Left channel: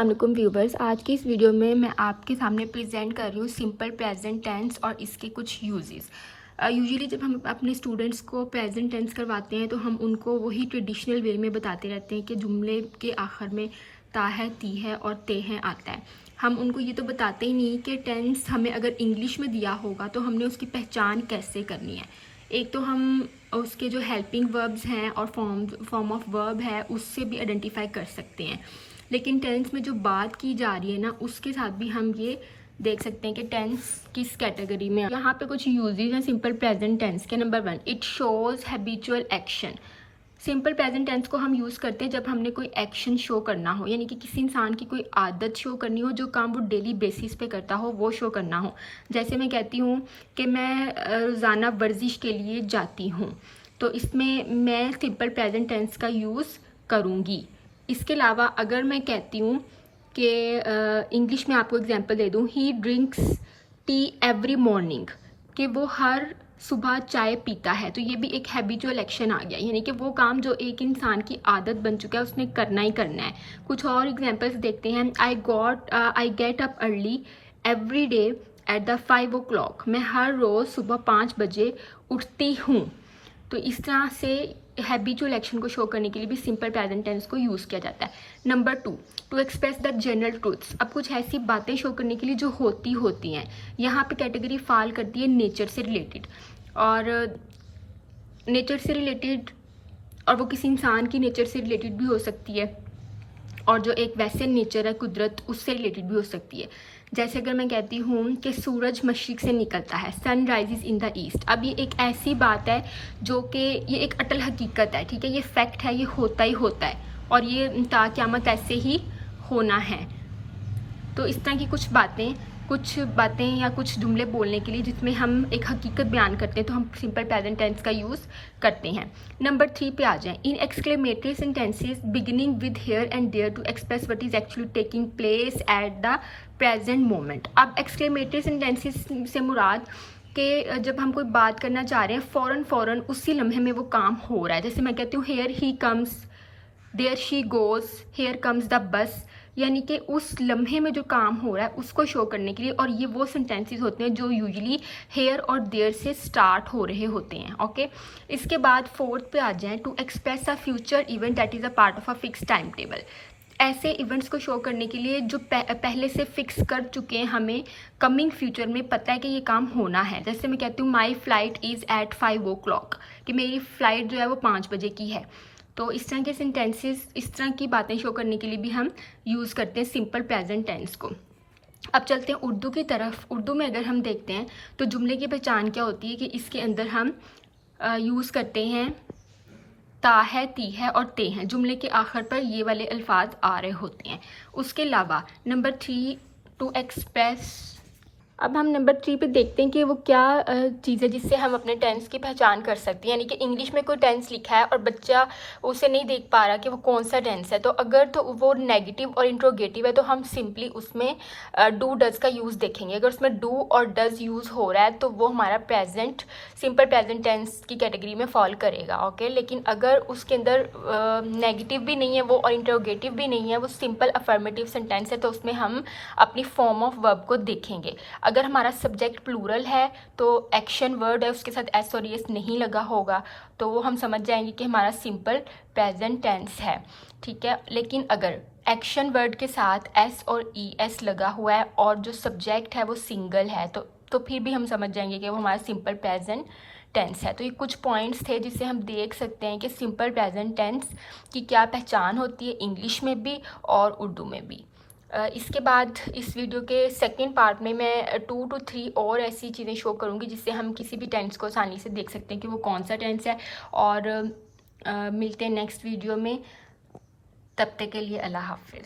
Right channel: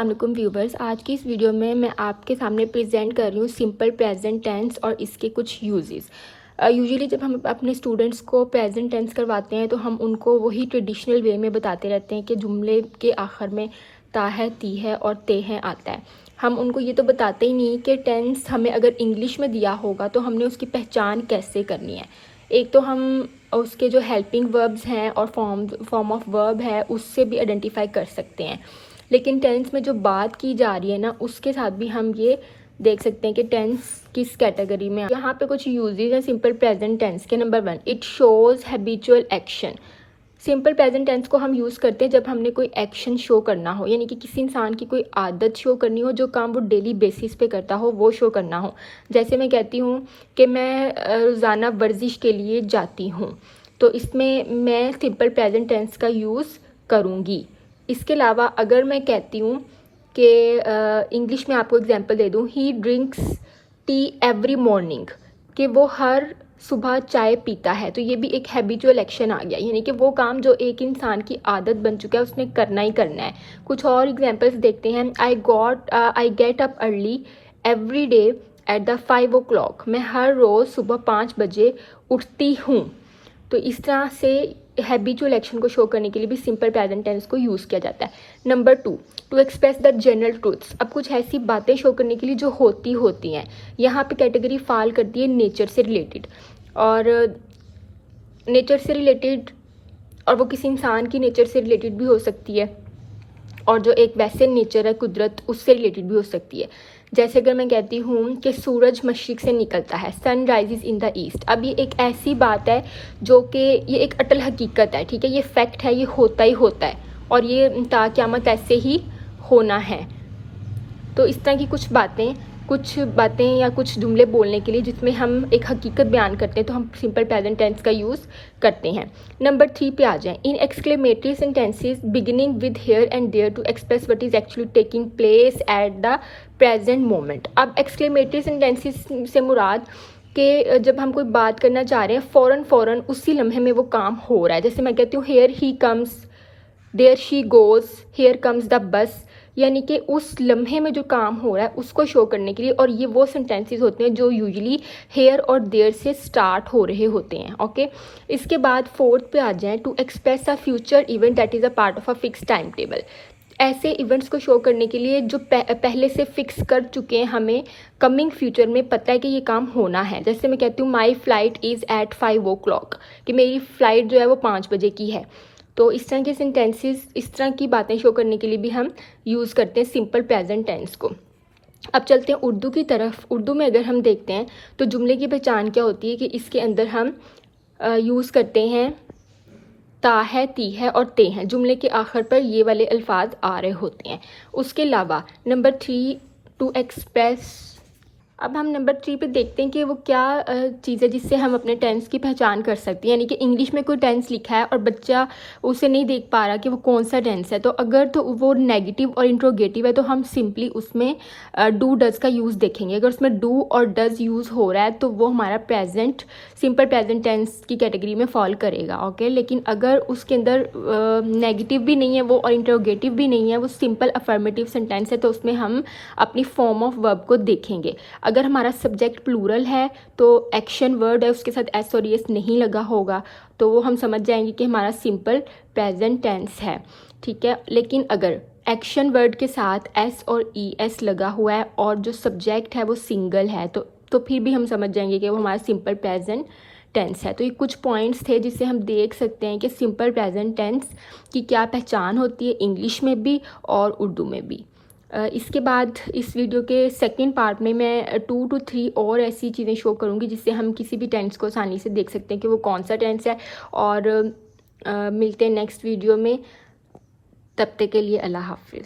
अस्सलामुअलैकुम व्यूवर्स, आज की इस वीडियो में मैं आपके सामने प्रेजेंट कर रही हूँ सिंपल प्रेजेंट टेंस और इसके कुछ यूजेस। यूजुअली जब हम अपने स्टूडेंट्स को प्रेजेंट टेंस करवाते हैं तो हम उनको वही ट्रेडिशनल वे में बताते रहते हैं कि जुमले के आखिर में ता है, ती है और ते है आता है। हम उनको ये तो बताते ही नहीं कि टेंस हमें अगर इंग्लिश में दिया होगा तो हमने उसकी पहचान कैसे करनी है। एक तो हम उसके जो हेल्पिंग वर्ब्स हैं और फॉर्म ऑफ वर्ब है उससे भी आइडेंटिफाई कर सकते हैं, लेकिन टेंस में जो बात की जा रही है ना उसके साथ भी हम ये देख सकते हैं कि टेंस किस कैटेगरी में। यहाँ पे कुछ यूजेस हैं सिंपल प्रेजेंट टेंस के। Number 1, it shows habitual action. Simple present tense को हम यूज़ करते हैं जब हमने कोई एक्शन शो करना हो, यानी कि किसी इंसान की कोई आदत शो करनी हो, जो काम वो डेली बेसिस पे करता हो वो शो करना हो। जैसे मैं कहती हूँ कि मैं रोज़ाना वर्जिश के लिए जाती हूँ, तो इसमें मैं सिंपल प्रेजेंट टेंस का यूज़ करूँगी। इसके अलावा अगर मैं कहती हूँ कि इंग्लिश में आपको एग्जांपल दे दूँ, ही ड्रिंक्स टी एवरी मॉर्निंग, कि वो हर सुबह चाय पीता है, तो ये भी एक हैबिचुअल एक्शन आ गया, यानी कि वो काम जो एक इंसान की आदत बन चुका है उसने करना ही करना है। कुछ और एग्जांपल्स देखते हैं। I get up early every day at the 5 o'clock, मैं हर रोज़ सुबह 5 बजे उठती हूँ। तो इस तरह से हैबिचुअल एक्शन को शो करने के लिए भी सिंपल प्रेजेंट टेंस को यूज़ किया जाता है। Number 2, to express the general truths. अब कुछ ऐसी बातें शो करने के लिए जो होती हैं, यहाँ पे कैटेगरी फॉल करती है नेचर से रिलेटेड, और नेचर से रिलेटेड, और वो किसी इंसान की नेचर से रिलेटेड भी हो सकती है, और जो एक वैसे नेचर है कुदरत उससे रिलेटेड भी हो सकती है। जैसे अगर मैं कहती हूँ कि सूरज मशरिक से निकलता है, sun rises in the east. अब ये एक ऐसी बात है जो कि ये एक अटल हकीकत है, ठीक है, ये फैक्ट है, ये होता ही होता है और ये ता क़यामत ऐसे ही होना है। तो इस तरह की कुछ बातें या कुछ जुमले बोलने के लिए जिसमें हम एक हकीकत बयान करते हैं तो हम सिंपल प्रेजेंट टेंस का यूज़ करते हैं। नंबर 3 पे आ जाएं। In exclamatory sentences beginning with here and there to express what is actually taking place at the present moment. अब एक्सक्लेमेटरी सेंटेंसेस से मुराद कि जब हम कोई बात करना चाह रहे हैं फ़ौरन उसी लम्हे में वो काम हो रहा है। जैसे मैं कहती हूँ here he comes, there she goes, here comes the bus, यानी कि उस लम्हे में जो काम हो रहा है उसको शो करने के लिए। और ये वो सेंटेंसेस होते हैं जो यूजुअली हेयर और देयर से स्टार्ट हो रहे होते हैं। ओके, इसके बाद 4th पे आ जाएं। To express a future event that is a part of a fix time table. ऐसे इवेंट्स को शो करने के लिए जो पहले से फिक्स कर चुके हैं, हमें कमिंग फ्यूचर में पता है कि ये काम होना है। जैसे मैं कहती हूँ my flight is eight 5 o'clock, कि मेरी फ्लाइट जो है वो 5 बजे की है। तो इस तरह के सेंटेंसेस, इस तरह की बातें शो करने के लिए भी हम यूज़ करते हैं सिंपल प्रेजेंट टेंस को। अब चलते हैं उर्दू की तरफ। उर्दू में अगर हम देखते हैं तो जुमले की पहचान क्या होती है कि इसके अंदर हम यूज़ करते हैं ता है, ती है और ते हैं। जुमले के आखिर पर ये वाले अल्फाज आ रहे होते हैं। उसके अलावा नंबर 3, टू एक्सप्रेस। अब हम नंबर 3 पे देखते हैं कि वो क्या चीज़ है जिससे हम अपने टेंस की पहचान कर सकते हैं। यानी कि इंग्लिश में कोई टेंस लिखा है और बच्चा उसे नहीं देख पा रहा कि वो कौन सा टेंस है, तो अगर तो वो नेगेटिव और इंट्रोगेटिव है तो हम सिंपली उसमें डू डज का यूज़ देखेंगे। अगर उसमें डू और डज यूज़ हो रहा है तो वो हमारा प्रेजेंट सिंपल प्रेजेंट टेंस की कैटेगरी में फॉल करेगा। ओके, लेकिन अगर उसके अंदर नेगेटिव भी नहीं है वो और इंट्रोगेटिव भी नहीं है, वो सिंपल अफर्मेटिव सेंटेंस है, तो उसमें हम अपनी फॉर्म ऑफ वर्ब को देखेंगे। अगर हमारा सब्जेक्ट प्लूरल है तो एक्शन वर्ड है, उसके साथ एस और एस नहीं लगा होगा, तो वो हम समझ जाएंगे कि हमारा सिंपल प्रेजेंट टेंस है, ठीक है। लेकिन अगर एक्शन वर्ड के साथ एस और ई एस लगा हुआ है और जो सब्जेक्ट है वो सिंगल है तो फिर भी हम समझ जाएंगे कि वो हमारा सिंपल प्रेजेंट टेंस है। तो ये कुछ पॉइंट्स थे जिससे हम देख सकते हैं कि सिंपल प्रेजेंट टेंस की क्या पहचान होती है इंग्लिश में भी और उर्दू में भी। इसके बाद इस वीडियो के सेकंड पार्ट में मैं 2 to 3 और ऐसी चीज़ें शो करूँगी जिससे हम किसी भी टेंस को आसानी से देख सकते हैं कि वो कौन सा टेंस है। और मिलते हैं नेक्स्ट वीडियो में, तब तक के लिए अल्लाह हाफिज़।